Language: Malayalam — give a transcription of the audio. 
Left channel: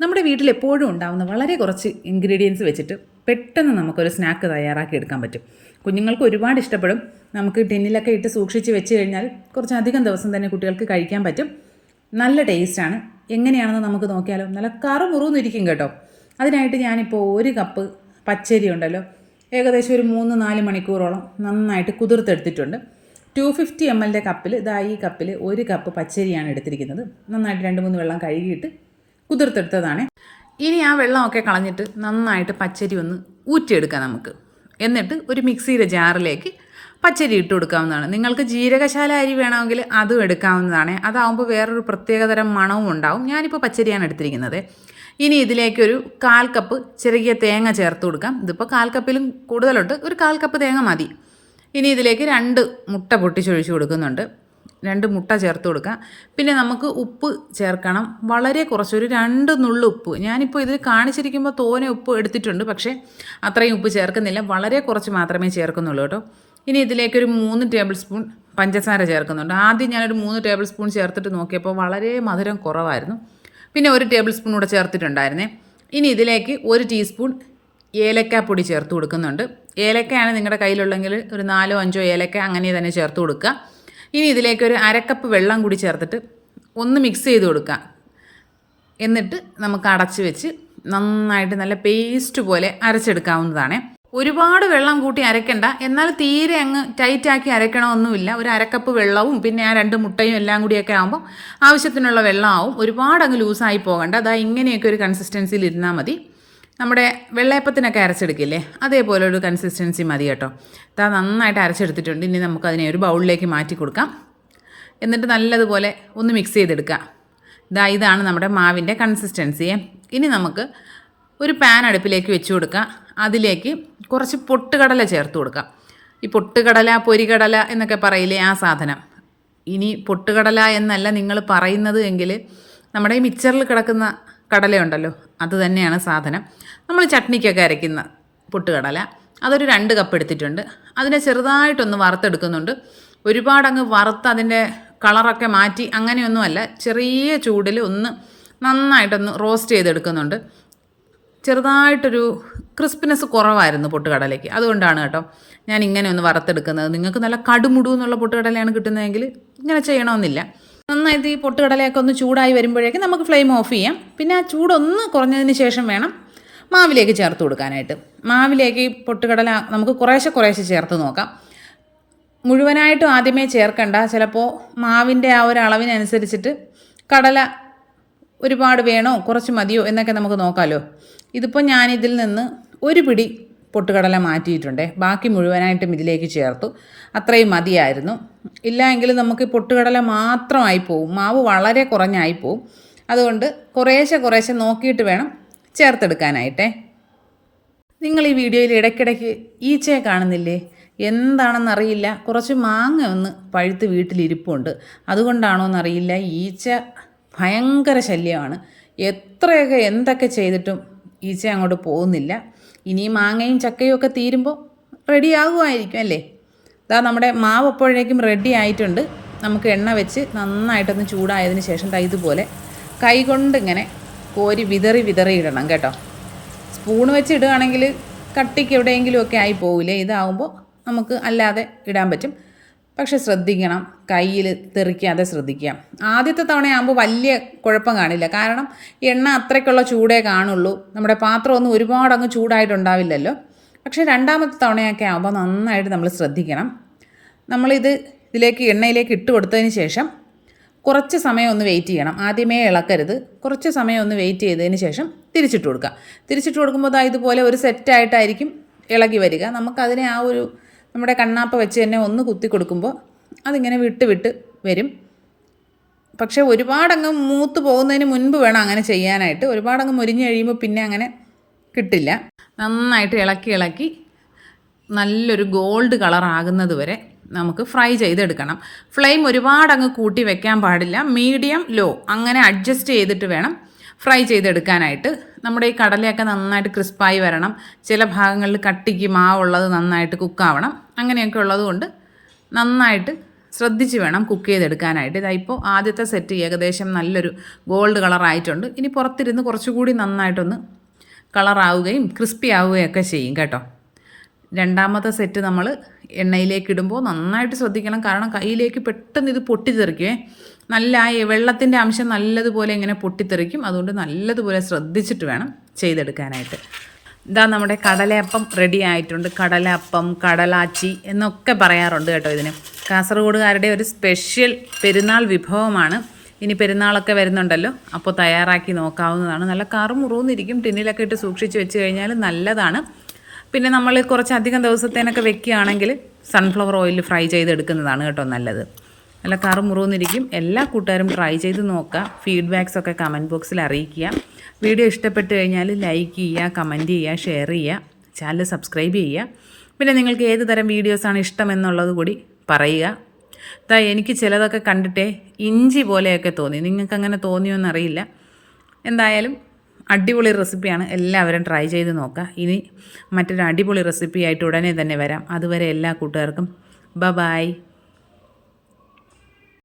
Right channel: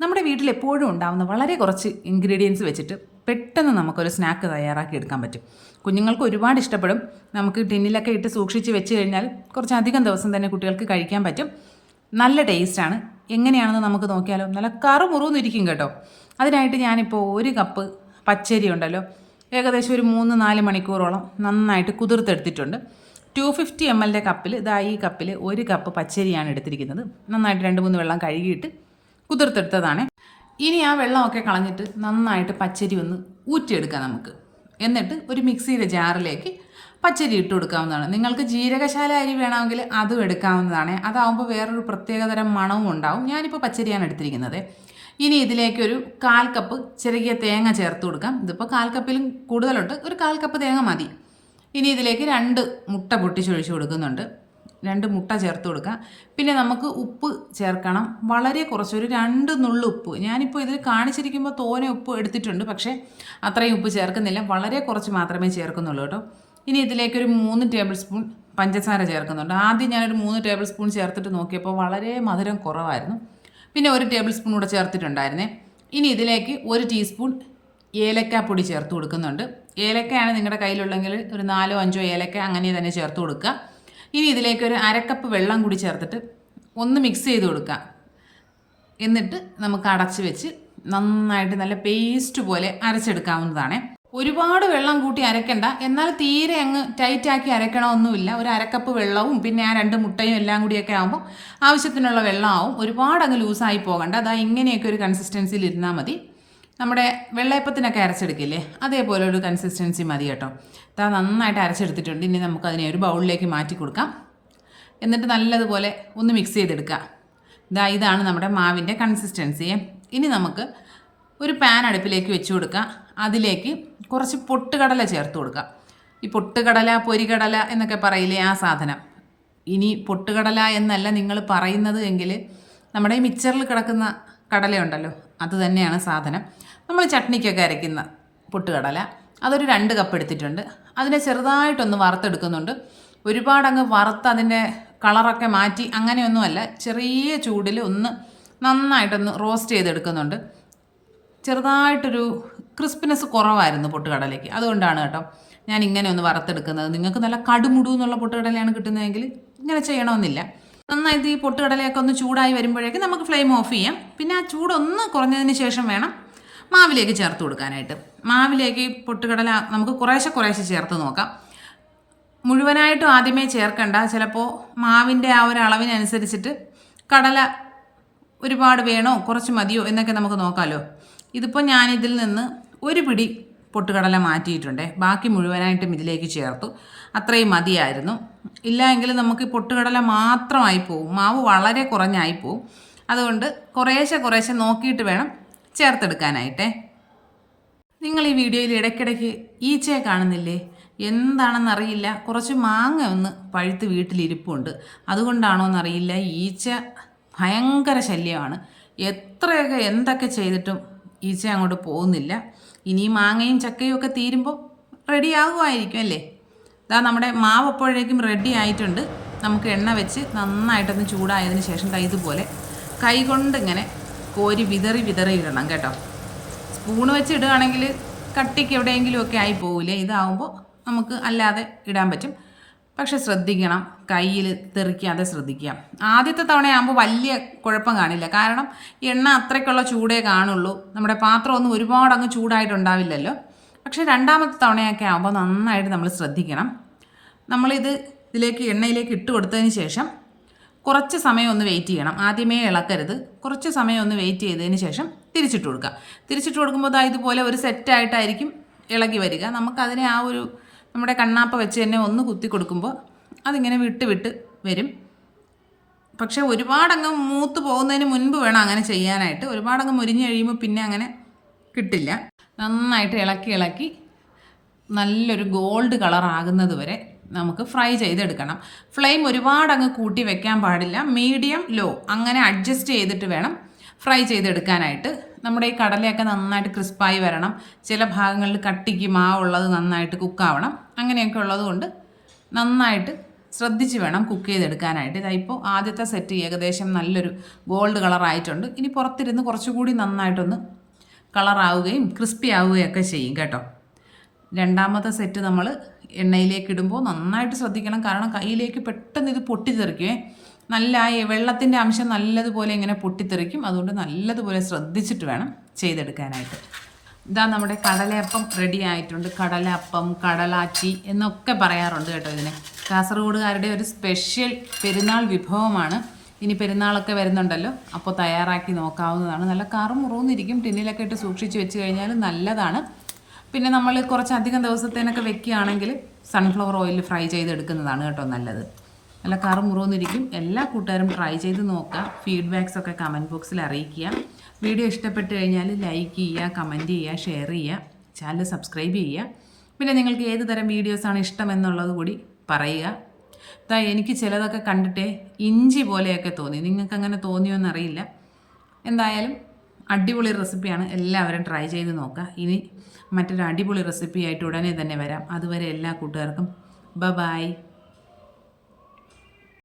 നമ്മുടെ വീട്ടിൽ എപ്പോഴും ഉണ്ടാകുന്ന വളരെ കുറച്ച് ഇൻഗ്രീഡിയൻസ് വെച്ചിട്ട് പെട്ടെന്ന് നമുക്കൊരു സ്നാക്ക് തയ്യാറാക്കി എടുക്കാൻ പറ്റും. കുഞ്ഞുങ്ങൾക്ക് ഒരുപാട് ഇഷ്ടപ്പെടും. നമുക്ക് ടിന്നിലൊക്കെ ഇട്ട് സൂക്ഷിച്ച് വെച്ച് കഴിഞ്ഞാൽ കുറച്ചധികം ദിവസം തന്നെ കുട്ടികൾക്ക് കഴിക്കാൻ പറ്റും. നല്ല ടേസ്റ്റാണ്. എങ്ങനെയാണെന്ന് നമുക്ക് നോക്കിയാലോ. നല്ല കറുമുറുന്നിരിക്കും കേട്ടോ. അതിനായിട്ട് ഞാനിപ്പോൾ 1 കപ്പ് പച്ചരി ഉണ്ടല്ലോ, ഏകദേശം ഒരു 3-4 മണിക്കൂറോളം നന്നായിട്ട് കുതിർത്തെടുത്തിട്ടുണ്ട്. 250 ml കപ്പിൽ ഈ കപ്പിൽ 1 കപ്പ് പച്ചരിയാണ് എടുത്തിരിക്കുന്നത്. നന്നായിട്ട് 2-3 വെള്ളം കഴുകിയിട്ട് കുതിർത്തെടുത്തതാണ്. ഇനി ആ വെള്ളമൊക്കെ കളഞ്ഞിട്ട് നന്നായിട്ട് പച്ചരി ഒന്ന് ഊറ്റിയെടുക്കാം നമുക്ക്. എന്നിട്ട് ഒരു മിക്സിയുടെ ജാറിലേക്ക് പച്ചരി ഇട്ട് കൊടുക്കാവുന്നതാണ്. നിങ്ങൾക്ക് ജീരകശാല അരി വേണമെങ്കിൽ അതും എടുക്കാവുന്നതാണ്. അതാവുമ്പോൾ വേറൊരു പ്രത്യേകതരം മണവും ഉണ്ടാവും. ഞാനിപ്പോൾ പച്ചരിയാണ് എടുത്തിരിക്കുന്നത്. ഇനി ഇതിലേക്കൊരു 1/4 കപ്പ് ചെറിയ തേങ്ങ ചേർത്ത് കൊടുക്കാം. ഇതിപ്പോൾ 1/4 കപ്പിലും കൂടുതലുണ്ട്, ഒരു 1/4 കപ്പ് തേങ്ങ മതി. ഇനി ഇതിലേക്ക് 2 മുട്ട പൊട്ടിച്ചൊഴിച്ച് കൊടുക്കുന്നുണ്ട്. 2 മുട്ട ചേർത്ത് കൊടുക്കുക. പിന്നെ നമുക്ക് ഉപ്പ് ചേർക്കണം. വളരെ കുറച്ചൊരു 2 നുള്ളു ഉപ്പ്. ഞാനിപ്പോൾ ഇതിൽ കാണിച്ചിരിക്കുമ്പോൾ തോനെ ഉപ്പ് എടുത്തിട്ടുണ്ട്, പക്ഷേ അത്രയും ഉപ്പ് ചേർക്കുന്നില്ല. വളരെ കുറച്ച് മാത്രമേ ചേർക്കുന്നുള്ളൂ കേട്ടോ. ഇനി ഇതിലേക്കൊരു 3 ടേബിൾ സ്പൂൺ പഞ്ചസാര ചേർക്കുന്നുണ്ട്. ആദ്യം ഞാനൊരു 3 ടേബിൾ സ്പൂൺ ചേർത്തിട്ട് നോക്കിയപ്പോൾ വളരെ മധുരം കുറവായിരുന്നു. പിന്നെ 1 ടേബിൾ സ്പൂൺ കൂടെ ചേർത്തിട്ടുണ്ടായിരുന്നേ. ഇനി ഇതിലേക്ക് 1 ടീസ്പൂൺ ഏലക്കാപ്പൊടി ചേർത്ത് കൊടുക്കുന്നുണ്ട്. ഏലക്കയാണ് നിങ്ങളുടെ കയ്യിലുള്ളെങ്കിൽ ഒരു 4-5 ഏലക്ക അങ്ങനെ തന്നെ ചേർത്ത് കൊടുക്കുക. ഇനി ഇതിലേക്ക് ഒരു 1/2 കപ്പ് വെള്ളം കൂടി ചേർത്തിട്ട് ഒന്ന് മിക്സ് ചെയ്ത് കൊടുക്കുക. എന്നിട്ട് നമുക്ക് അടച്ച് വെച്ച് നന്നായിട്ട് നല്ല പേസ്റ്റ് പോലെ അരച്ചെടുക്കാവുന്നതാണ്. ഒരുപാട് വെള്ളം കൂട്ടി അരയ്ക്കണ്ട, എന്നാൽ തീരെ അങ്ങ് ടൈറ്റാക്കി അരയ്ക്കണമൊന്നുമില്ല. ഒരു 1/2 കപ്പ് വെള്ളവും പിന്നെ ആ 2 മുട്ടയും എല്ലാം കൂടിയൊക്കെ ആകുമ്പോൾ ആവശ്യത്തിനുള്ള വെള്ളമാവും. ഒരുപാട് അങ്ങ് ലൂസായി പോകണ്ട. ഇങ്ങനെയൊക്കെ ഒരു കൺസിസ്റ്റൻസിയിൽ ഇരുന്നാൽ മതി. നമ്മുടെ വെള്ളയപ്പത്തിനൊക്കെ അരച്ചെടുക്കില്ലേ, അതേപോലെ ഒരു കൺസിസ്റ്റൻസി മതി കേട്ടോ. നന്നായിട്ട് അരച്ചെടുത്തിട്ടുണ്ട്. ഇനി നമുക്കതിനെ ഒരു ബൗളിലേക്ക് മാറ്റി കൊടുക്കാം. എന്നിട്ട് നല്ലതുപോലെ ഒന്ന് മിക്സ് ചെയ്തെടുക്കാം. ഇതാണ് നമ്മുടെ മാവിൻ്റെ കൺസിസ്റ്റൻസി. ഇനി നമുക്ക് ഒരു പാൻ അടുപ്പിലേക്ക് വെച്ച് കൊടുക്കാം. അതിലേക്ക് കുറച്ച് പൊട്ടുകടല ചേർത്ത് കൊടുക്കാം. ഈ പൊട്ടുകടല, പൊരികടല എന്നൊക്കെ പറയില്ലേ, ആ സാധനം. ഇനി പൊട്ടുകടല എന്നല്ല നിങ്ങൾ പറയുന്നത് എങ്കിൽ നമ്മുടെ ഈ മിക്സറിൽ കിടക്കുന്ന കടലയുണ്ടല്ലോ, അത് തന്നെയാണ് സാധനം. നമ്മൾ ചട്നിക്കൊക്കെ അരയ്ക്കുന്ന പൊട്ടുകടല, അതൊരു 2 കപ്പ് എടുത്തിട്ടുണ്ട്. അതിനെ ചെറുതായിട്ടൊന്ന് വറുത്തെടുക്കുന്നുണ്ട്. ഒരുപാടങ്ങ് വറുത്ത് അതിൻ്റെ കളറൊക്കെ മാറ്റി അങ്ങനെയൊന്നുമല്ല, ചെറിയ ചൂടിൽ ഒന്ന് നന്നായിട്ടൊന്ന് റോസ്റ്റ് ചെയ്തെടുക്കുന്നുണ്ട്. ചെറുതായിട്ടൊരു ക്രിസ്പിനെസ് കുറവായിരുന്നു പൊട്ടുകടലയ്ക്ക്, അതുകൊണ്ടാണ് കേട്ടോ ഞാൻ ഇങ്ങനെ ഒന്ന് വറുത്തെടുക്കുന്നത്. നിങ്ങൾക്ക് നല്ല കടുമുടു എന്നുള്ള പൊട്ടുകടലയാണ് കിട്ടുന്നതെങ്കിൽ ഇങ്ങനെ ചെയ്യണമെന്നില്ല. നന്നായിട്ട് ഈ പൊട്ടുകടലയൊക്കെ ഒന്ന് ചൂടായി വരുമ്പോഴേക്കും നമുക്ക് ഫ്ലെയിം ഓഫ് ചെയ്യാം. പിന്നെ ആ ചൂടൊന്ന് കുറഞ്ഞതിന് ശേഷം വേണം മാവിലേക്ക് ചേർത്ത് കൊടുക്കാനായിട്ട്. മാവിലേക്ക് പൊട്ടുകടല നമുക്ക് കുറേശ്ശെ ചേർത്ത് നോക്കാം. മുഴുവനായിട്ടും ആദ്യമേ ചേർക്കണ്ട. ചിലപ്പോൾ മാവിൻ്റെ ആ ഒരു അളവിനനുസരിച്ചിട്ട് കടല ഒരുപാട് വേണോ കുറച്ച് മതിയോ എന്നൊക്കെ നമുക്ക് നോക്കാമല്ലോ. ഇതിപ്പോൾ ഞാനിതിൽ നിന്ന് 1 പിടി പൊട്ടുകടല മാറ്റിയിട്ടുണ്ടേ. ബാക്കി മുഴുവനായിട്ടും ഇതിലേക്ക് ചേർത്തു. അത്രയും മതിയായിരുന്നു. ഇല്ല എങ്കിൽ നമുക്ക് പൊട്ടുകടല മാത്രമായി പോവും, മാവ് വളരെ കുറഞ്ഞായി പോവും. അതുകൊണ്ട് കുറേശ്ശെ നോക്കിയിട്ട് വേണം ചേർത്തെടുക്കാനായിട്ടേ. നിങ്ങൾ ഈ വീഡിയോയിൽ ഇടയ്ക്കിടയ്ക്ക് ഈച്ചയെ കാണുന്നില്ലേ? എന്താണെന്നറിയില്ല, കുറച്ച് മാങ്ങ ഒന്ന് പഴുത്ത് വീട്ടിലിരിപ്പുണ്ട്. അതുകൊണ്ടാണോ എന്നറിയില്ല, ഈച്ച ഭയങ്കര ശല്യമാണ്. എത്രയൊക്കെ എന്തൊക്കെ ചെയ്തിട്ടും ഈച്ച അങ്ങോട്ട് പോകുന്നില്ല. ഇനി മാങ്ങയും ചക്കയും ഒക്കെ തീരുമ്പോൾ റെഡി ആകുമായിരിക്കും അല്ലേ. നമ്മുടെ മാവ് അപ്പോഴേക്കും റെഡി ആയിട്ടുണ്ട്. നമുക്ക് എണ്ണ വെച്ച് നന്നായിട്ടൊന്ന് ചൂടായതിന് ശേഷം ഇതുപോലെ കൈകൊണ്ട് ഇങ്ങനെ കോരി വിതറി ഇടണം കേട്ടോ. സ്പൂൺ വെച്ച് ഇടുകയാണെങ്കിൽ കട്ടിക്ക് എവിടെയെങ്കിലുമൊക്കെ ആയി പോവില്ലേ. ഇതാവുമ്പോൾ നമുക്ക് അല്ലാതെ ഇടാൻ പറ്റും. പക്ഷെ ശ്രദ്ധിക്കണം, കയ്യിൽ തെറിക്കാതെ ശ്രദ്ധിക്കാം. ആദ്യത്തെ തവണയാകുമ്പോൾ വലിയ കുഴപ്പം കാണില്ല, കാരണം എണ്ണ അത്രയ്ക്കുള്ള ചൂടേ കാണുള്ളൂ. നമ്മുടെ പാത്രമൊന്നും ഒരുപാട് അങ്ങ് ചൂടായിട്ടുണ്ടാവില്ലല്ലോ. പക്ഷേ രണ്ടാമത്തെ തവണയൊക്കെ ആകുമ്പോൾ നന്നായിട്ട് നമ്മൾ ശ്രദ്ധിക്കണം. ഇതിലേക്ക് എണ്ണയിലേക്ക് ഇട്ട് കൊടുത്തതിന് ശേഷം കുറച്ച് സമയം ഒന്ന് വെയിറ്റ് ചെയ്യണം. ആദ്യമേ ഇളക്കരുത്. കുറച്ച് സമയം ഒന്ന് വെയിറ്റ് ചെയ്തതിന് ശേഷം തിരിച്ചിട്ട് കൊടുക്കുക. തിരിച്ചിട്ട് കൊടുക്കുമ്പോൾ ഇതുപോലെ ഒരു സെറ്റായിട്ടായിരിക്കും ഇളകി വരിക. നമുക്കതിനെ ആ ഒരു നമ്മുടെ കണ്ണാപ്പ വെച്ച് തന്നെ ഒന്ന് കുത്തി കൊടുക്കുമ്പോൾ അതിങ്ങനെ വിട്ട് വരും. പക്ഷേ ഒരുപാടങ്ങ് മൂത്ത് പോകുന്നതിന് മുൻപ് വേണം അങ്ങനെ ചെയ്യാനായിട്ട്. ഒരുപാടങ്ങ് മുരിഞ്ഞ് കഴിയുമ്പോൾ പിന്നെ അങ്ങനെ കിട്ടില്ല. നന്നായിട്ട് ഇളക്കി നല്ലൊരു ഗോൾഡ് കളർ ആകുന്നത് വരെ നമുക്ക് ഫ്രൈ ചെയ്തെടുക്കണം. ഫ്ലെയിം ഒരുപാടങ്ങ് കൂട്ടി വെക്കാൻ പാടില്ല. മീഡിയം ലോ അങ്ങനെ അഡ്ജസ്റ്റ് ചെയ്തിട്ട് വേണം ഫ്രൈ ചെയ്തെടുക്കാനായിട്ട്. നമ്മുടെ ഈ കടലയൊക്കെ നന്നായിട്ട് ക്രിസ്പായി വരണം. ചില ഭാഗങ്ങളിൽ കട്ടിക്ക് മാവുള്ളത് നന്നായിട്ട് കുക്കാവണം. അങ്ങനെയൊക്കെ ഉള്ളതുകൊണ്ട് നന്നായിട്ട് ശ്രദ്ധിച്ച് വേണം കുക്ക് ചെയ്തെടുക്കാനായിട്ട്. ഇതാ ഇപ്പോൾ ആദ്യത്തെ സെറ്റ് ഏകദേശം നല്ലൊരു ഗോൾഡ് കളറായിട്ടുണ്ട്. ഇനി പുറത്തിരുന്ന് കുറച്ചുകൂടി നന്നായിട്ടൊന്ന് കളറാവുകയും ക്രിസ്പി ആവുകയൊക്കെ ചെയ്യും കേട്ടോ. രണ്ടാമത്തെ സെറ്റ് നമ്മൾ എണ്ണയിലേക്ക് ഇടുമ്പോൾ നന്നായിട്ട് ശ്രദ്ധിക്കണം, കാരണം കയ്യിലേക്ക് പെട്ടെന്ന് ഇത് പൊട്ടിത്തെറിക്കുവേ. നല്ല വെള്ളത്തിൻ്റെ അംശം നല്ലതുപോലെ ഇങ്ങനെ പൊട്ടിത്തെറിക്കും. അതുകൊണ്ട് നല്ലതുപോലെ ശ്രദ്ധിച്ചിട്ട് വേണം ചെയ്തെടുക്കാനായിട്ട്. ഇതാ നമ്മുടെ കടലയപ്പം റെഡി ആയിട്ടുണ്ട്. കടലയപ്പം, കടലാച്ചി എന്നൊക്കെ പറയാറുണ്ട് കേട്ടോ ഇതിന്. കാസർഗോഡുകാരുടെ ഒരു സ്പെഷ്യൽ പെരുന്നാൾ വിഭവമാണ്. ഇനി പെരുന്നാളൊക്കെ വരുന്നുണ്ടല്ലോ, അപ്പോൾ തയ്യാറാക്കി നോക്കാവുന്നതാണ്. നല്ല കറുമുറുന്നിരിക്കും. ടിന്നിലൊക്കെ ഇട്ട് സൂക്ഷിച്ച് വെച്ച് കഴിഞ്ഞാൽ നല്ലതാണ്. പിന്നെ നമ്മൾ കുറച്ചധികം ദിവസത്തേനൊക്കെ വെക്കുകയാണെങ്കിൽ സൺഫ്ലവർ ഓയിലിൽ ഫ്രൈ ചെയ്തെടുക്കുന്നതാണ് കേട്ടോ നല്ലത്. നല്ല കറുമുറുന്നിരിക്കും. എല്ലാ കൂട്ടുകാരും ട്രൈ ചെയ്ത് നോക്കുക. ഫീഡ്ബാക്സൊക്കെ കമൻറ്റ് ബോക്സിൽ അറിയിക്കുക. വീഡിയോ ഇഷ്ടപ്പെട്ട് കഴിഞ്ഞാൽ ലൈക്ക് ചെയ്യുക, കമൻറ്റ് ചെയ്യുക, ഷെയർ ചെയ്യുക, ചാനൽ സബ്സ്ക്രൈബ് ചെയ്യുക. പിന്നെ നിങ്ങൾക്ക് ഏത് തരം വീഡിയോസാണ് ഇഷ്ടമെന്നുള്ളത് കൂടി പറയുക. എനിക്ക് ചിലതൊക്കെ കണ്ടിട്ടേ ഇഞ്ചി പോലെയൊക്കെ തോന്നി. നിങ്ങൾക്ക് അങ്ങനെ തോന്നിയോന്നറിയില്ല. എന്തായാലും അടിപൊളി റെസിപ്പിയാണ്. എല്ലാവരും ട്രൈ ചെയ്ത് നോക്കുക. ഇനി മറ്റൊരു അടിപൊളി റെസിപ്പിയായിട്ട് ഉടനെ തന്നെ വരാം. അതുവരെ എല്ലാ കൂട്ടുകാർക്കും ബൈ.